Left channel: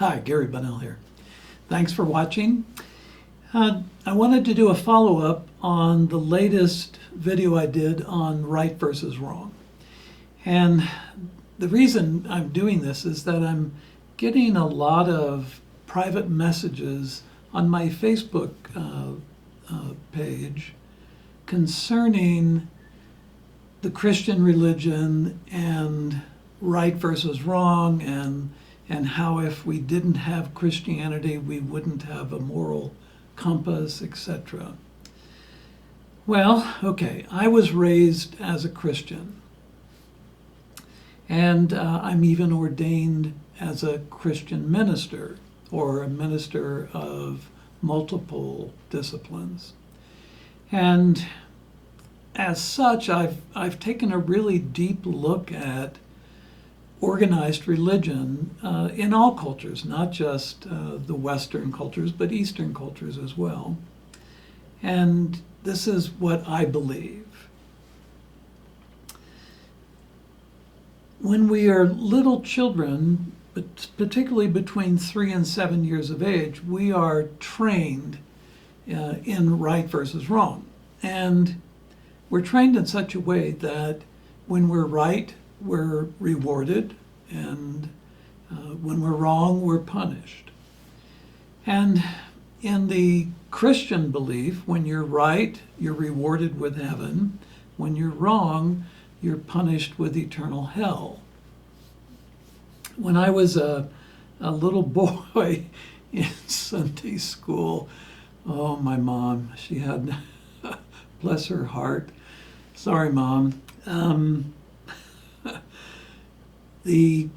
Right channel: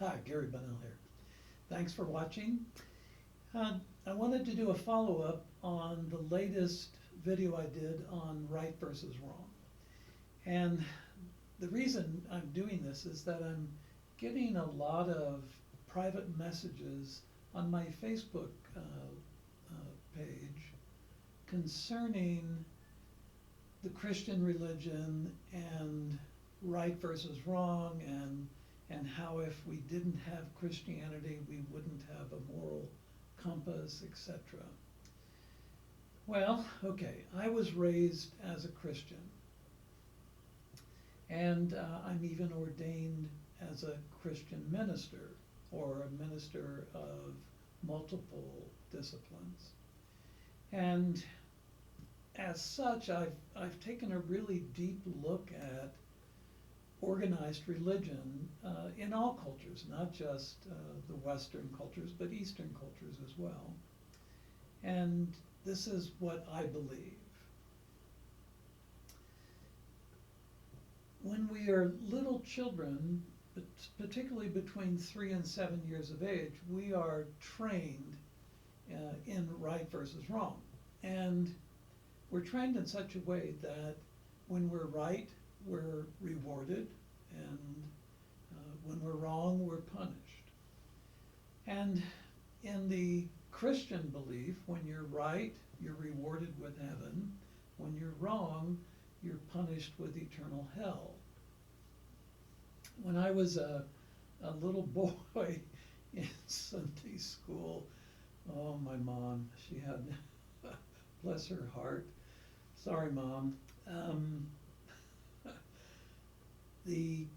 Hi, Gary Bunnell here. Thanks for watching. I wanted to do a follow-up on the latest video I did on right versus wrong. And the reason I'm doing this is that I'm getting a lot of private messages on my Facebook page concerning the Christian religion and right versus wrong, and how if we didn't have Christianity, we wouldn't have a moral compass, etc. Well, okay, I was raised as a Christian, and I'm even ordained as a Christian minister, or a minister of multiple disciplines. And as such, I've taken a really deep look at organized religion in all cultures, not just the Western cultures, but Eastern cultures as well. And this is what I believe. When we are little children, but particularly between 3 and 7 years of age, we are trained in right versus wrong. And we're trained in such a way that when we're right, we're rewarded, and when we're wrong, we're punished. And in the Christian belief, when you're right, you're rewarded with heaven. When you're wrong, you're punished with eternal hell. When I was a little boy in Sunday school, oh, my mom, she had, bless her heart, sorry, Mom, the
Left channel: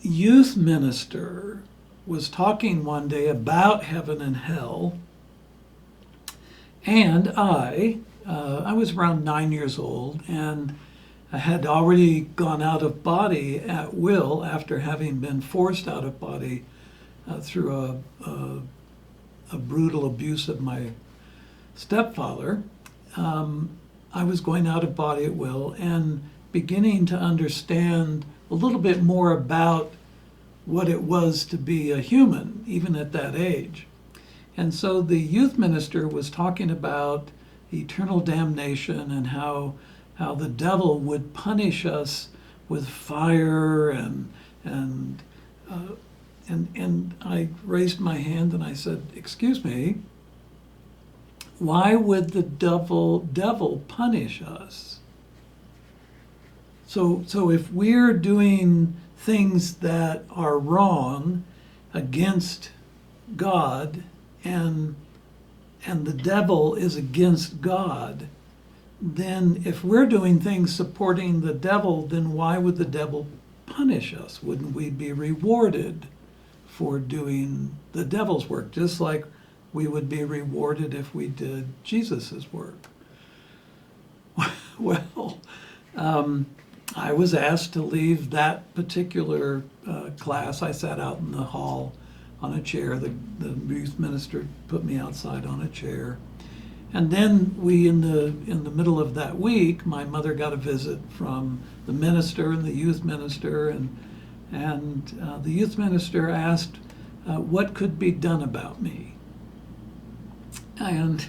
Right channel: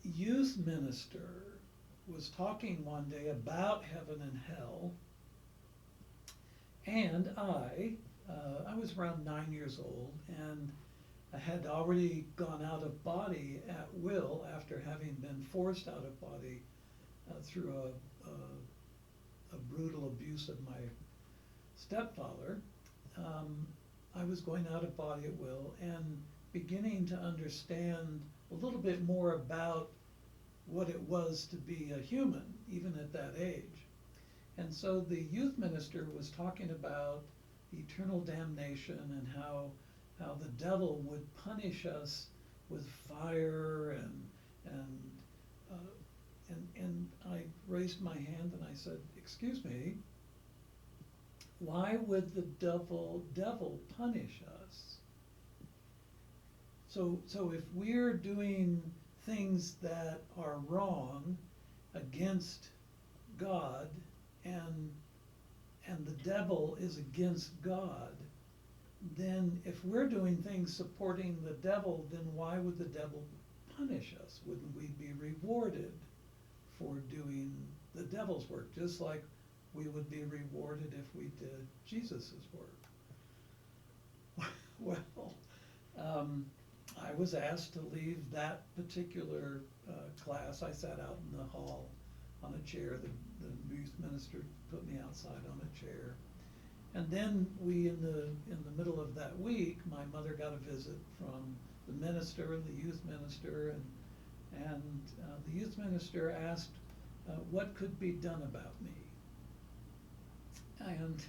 youth minister was talking one day about heaven and hell, and I was around 9 years old, and I had already gone out of body at will after having been forced out of body through a brutal abuse of my stepfather. I was going out of body at will and beginning to understand a little bit more about what it was to be a human, even at that age. And so the youth minister was talking about eternal damnation and how the devil would punish us with fire, and I raised my hand and I said, "Excuse me, why would the devil punish us?" So if we're doing things that are wrong against God, and the devil is against God, then if we're doing things supporting the devil, then why would the devil punish us? Wouldn't we be rewarded for doing the devil's work, just like we would be rewarded if we did Jesus's work? Well, I was asked to leave that particular class. I sat out in the hall on a chair. The youth minister put me outside on a chair. And then in the middle of that week, my mother got a visit from the minister and the youth minister, and the youth minister asked what could be done about me. And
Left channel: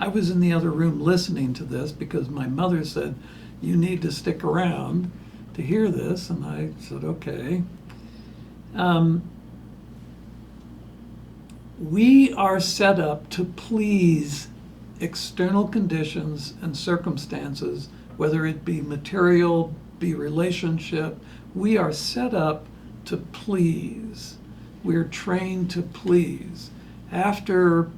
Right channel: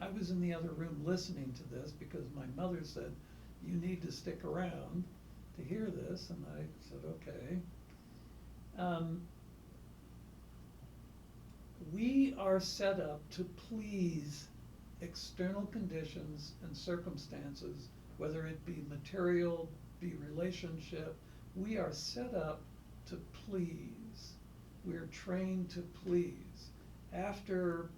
I was in the other room listening to this because my mother said, "You need to stick around to hear this," and I said, "Okay." We are set up to please external conditions and circumstances, whether it be material, be relationship. We are set up to please. We're trained to please. After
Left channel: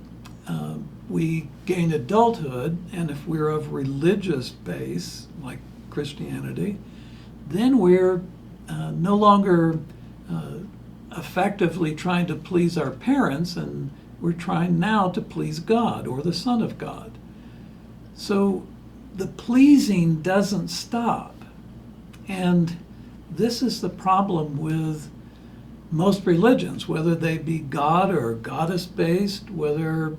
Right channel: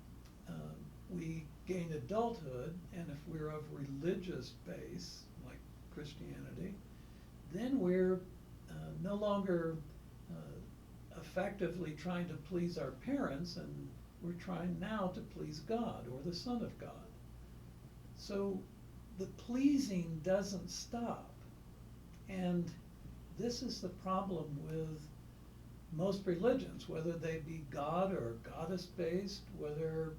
we gain adulthood, and if we're of religious base, like Christianity, then we're no longer effectively trying to please our parents, and we're trying now to please God or the Son of God. So the pleasing doesn't stop. And this is the problem with most religions, whether they be God or goddess-based, whether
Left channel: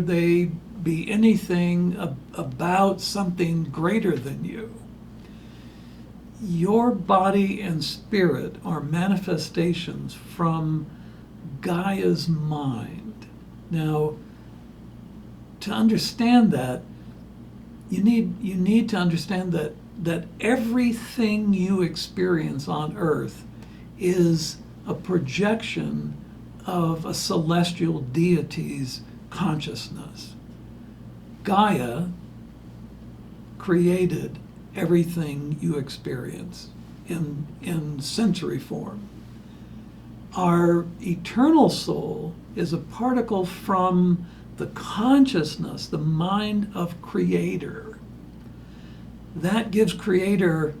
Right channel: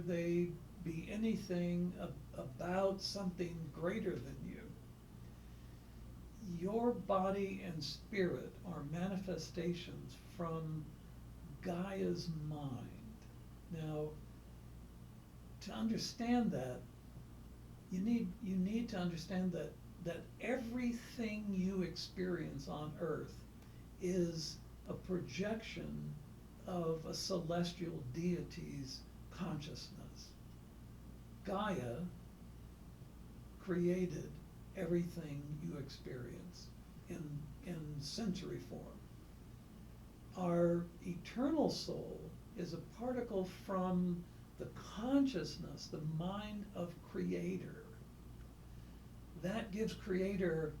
they be anything about something greater than you. Your body and spirit are manifestations from Gaia's mind. Now, to understand that, you need to understand that everything you experience on Earth is a projection of a celestial deity's consciousness. Gaia created everything you experience in sensory form. Our eternal soul is a particle from the consciousness, the mind of Creator. That gives Creator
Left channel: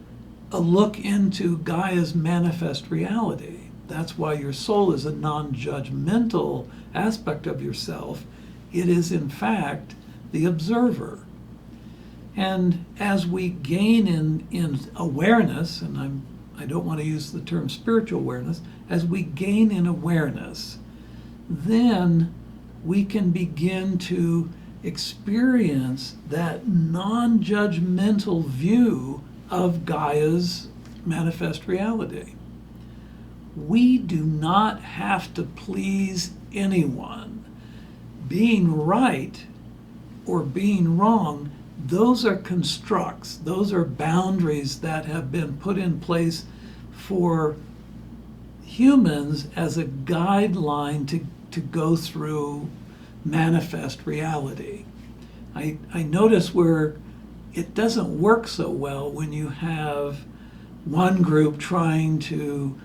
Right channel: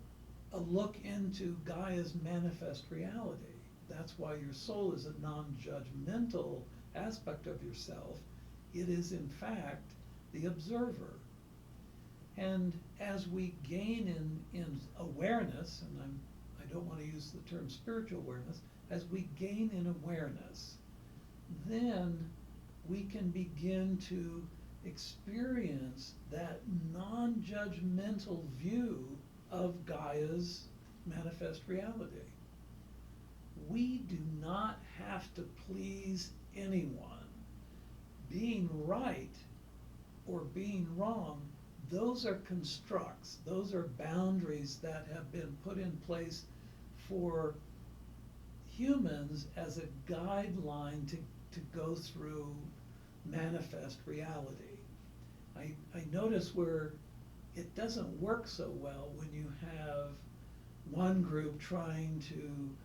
a look into Gaia's manifest reality. That's why your soul is a non-judgmental aspect of yourself. It is, in fact, the observer. And as we gain in awareness, and I don't want to use the term spiritual awareness, as we gain in awareness, then we can begin to experience that non-judgmental view of Gaia's manifest reality. We do not have to please anyone. Being right or being wrong, those are constructs, those are boundaries that have been put in place for humans as a guideline to go through manifest reality. I notice where it doesn't work so well when you have one group trying to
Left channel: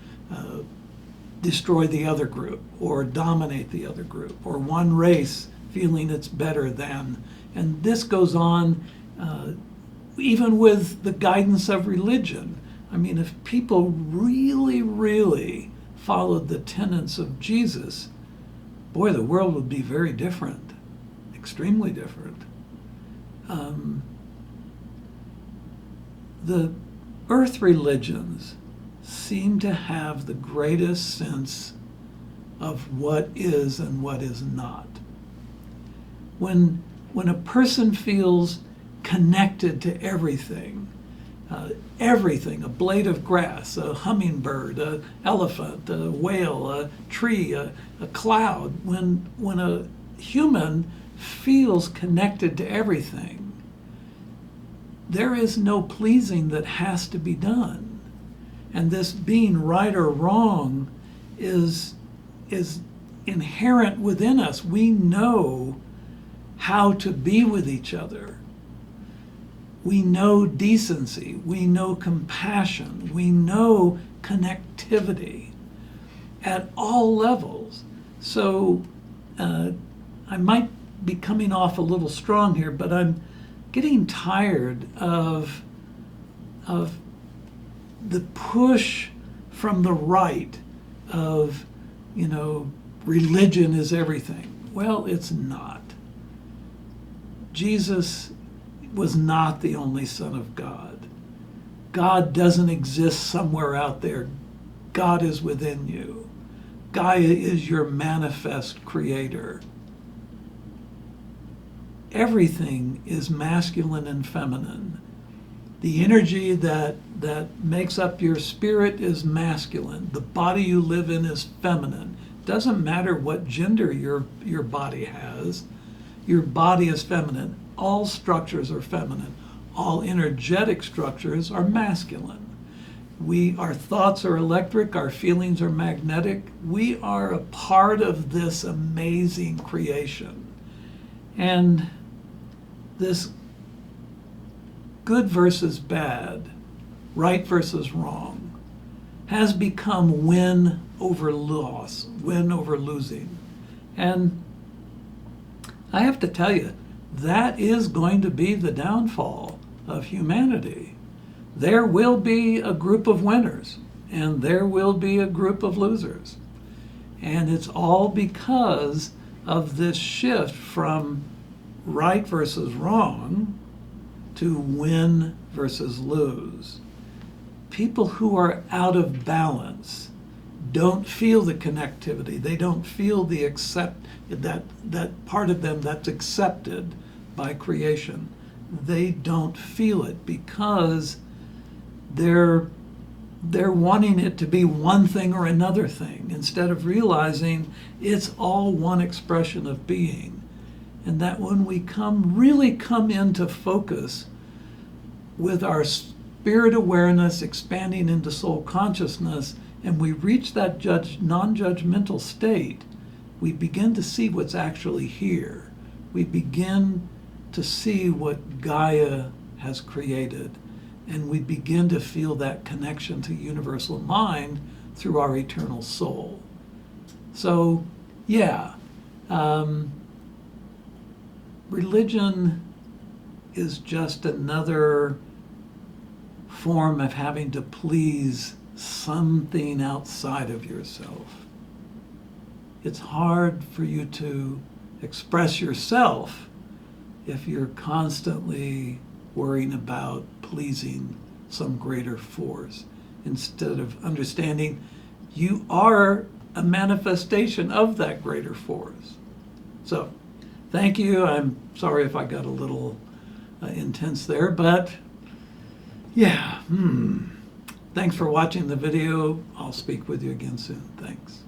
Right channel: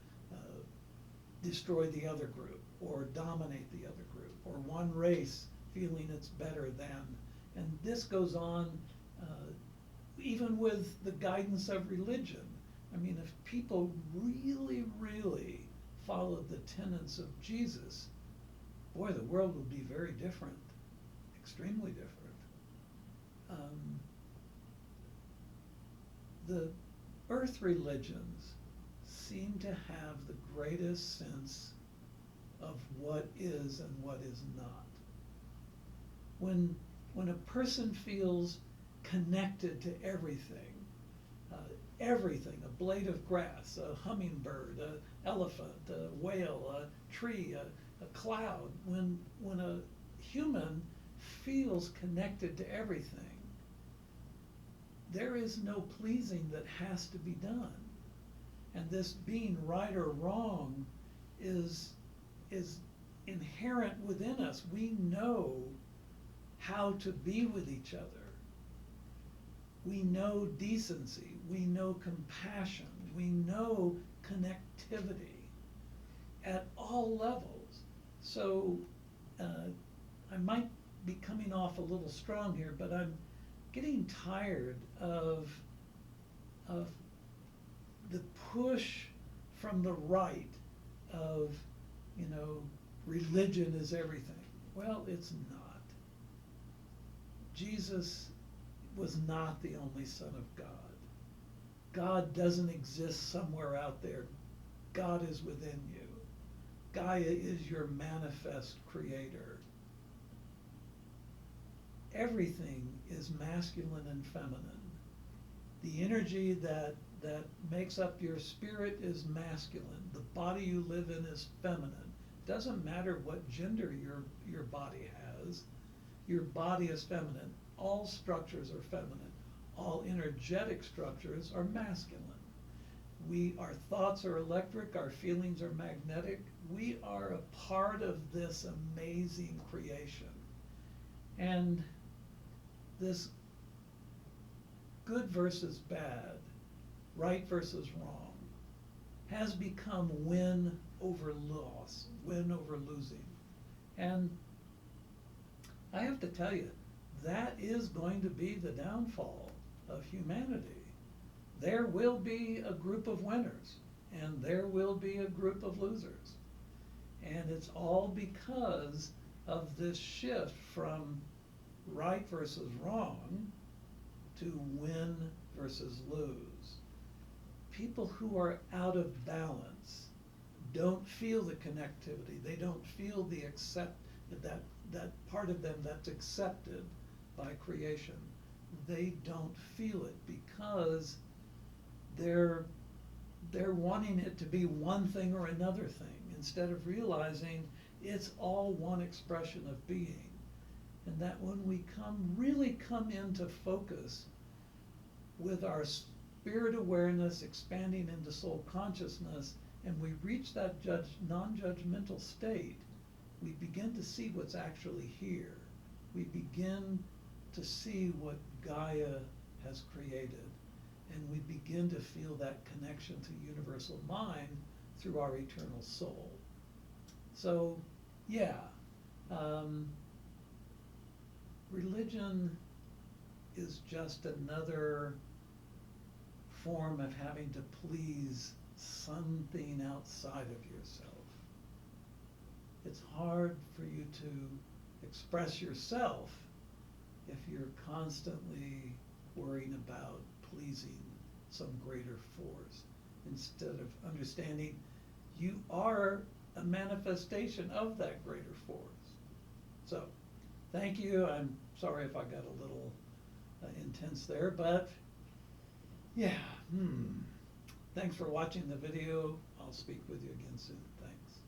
destroy the other group or dominate the other group, or one race feeling it's better than. And this goes on even with the guidance of religion. I mean, if people really, really followed the tenets of Jesus, boy, the world would be very different, extremely different. The earth religions seem to have the greatest sense of what is and what is not. When a person feels connected to everything, a blade of grass, a hummingbird, an elephant, a whale, a tree, a cloud, when a human feels connected to everything, there is no pleasing that has to be done. And this being right or wrong is inherent within us. We know how to be with each other. We know decency, we know compassion, we know connectivity at all levels. So I might be coming off a little strong here, but I'm getting tired of the push from the right of, religion is everything. Well, it's not. Jesus was not the only Son of God. God doesn't exist somewhere out there. God is within you. Gaia is your manifest creator. Everything is masculine and feminine. The energy that makes up your spirit is masculine. The body you live in is feminine. Doesn't matter what gender your body has. Your body is feminine. All structures are feminine. All energetic structures are masculine. Our thoughts are electric, our feelings are magnetic. We are a part of this amazing creation. And this good versus bad, right versus wrong, has become win over loss, win over losing. And I have to tell you, that is going to be the downfall of humanity. There will be a group of winners, and there will be a group of losers. And it's all because of this shift from right versus wrong to win versus lose. People who are out of balance don't feel the connectivity. They don't feel the that part of them that's accepted by creation. They don't feel it because they're they're wanting it to be one thing or another thing instead of realizing it's all one expression of being. And that when we really come into focus with our spirit awareness expanding into soul consciousness, and we reach that non-judgmental state, we begin to see what's actually here. We begin to see what Gaia has created, and we begin to feel that connection to universal mind through our eternal soul. So, yeah, religion is just another form of having to please something outside of yourself. It's hard for you to express yourself if you're constantly worrying about pleasing some greater force, instead of understanding you are a manifestation of that greater force. So, thank you. I'm sorry if I got a little intense there, but yeah, thanks for watching the video. I'll speak with you again soon. Thanks.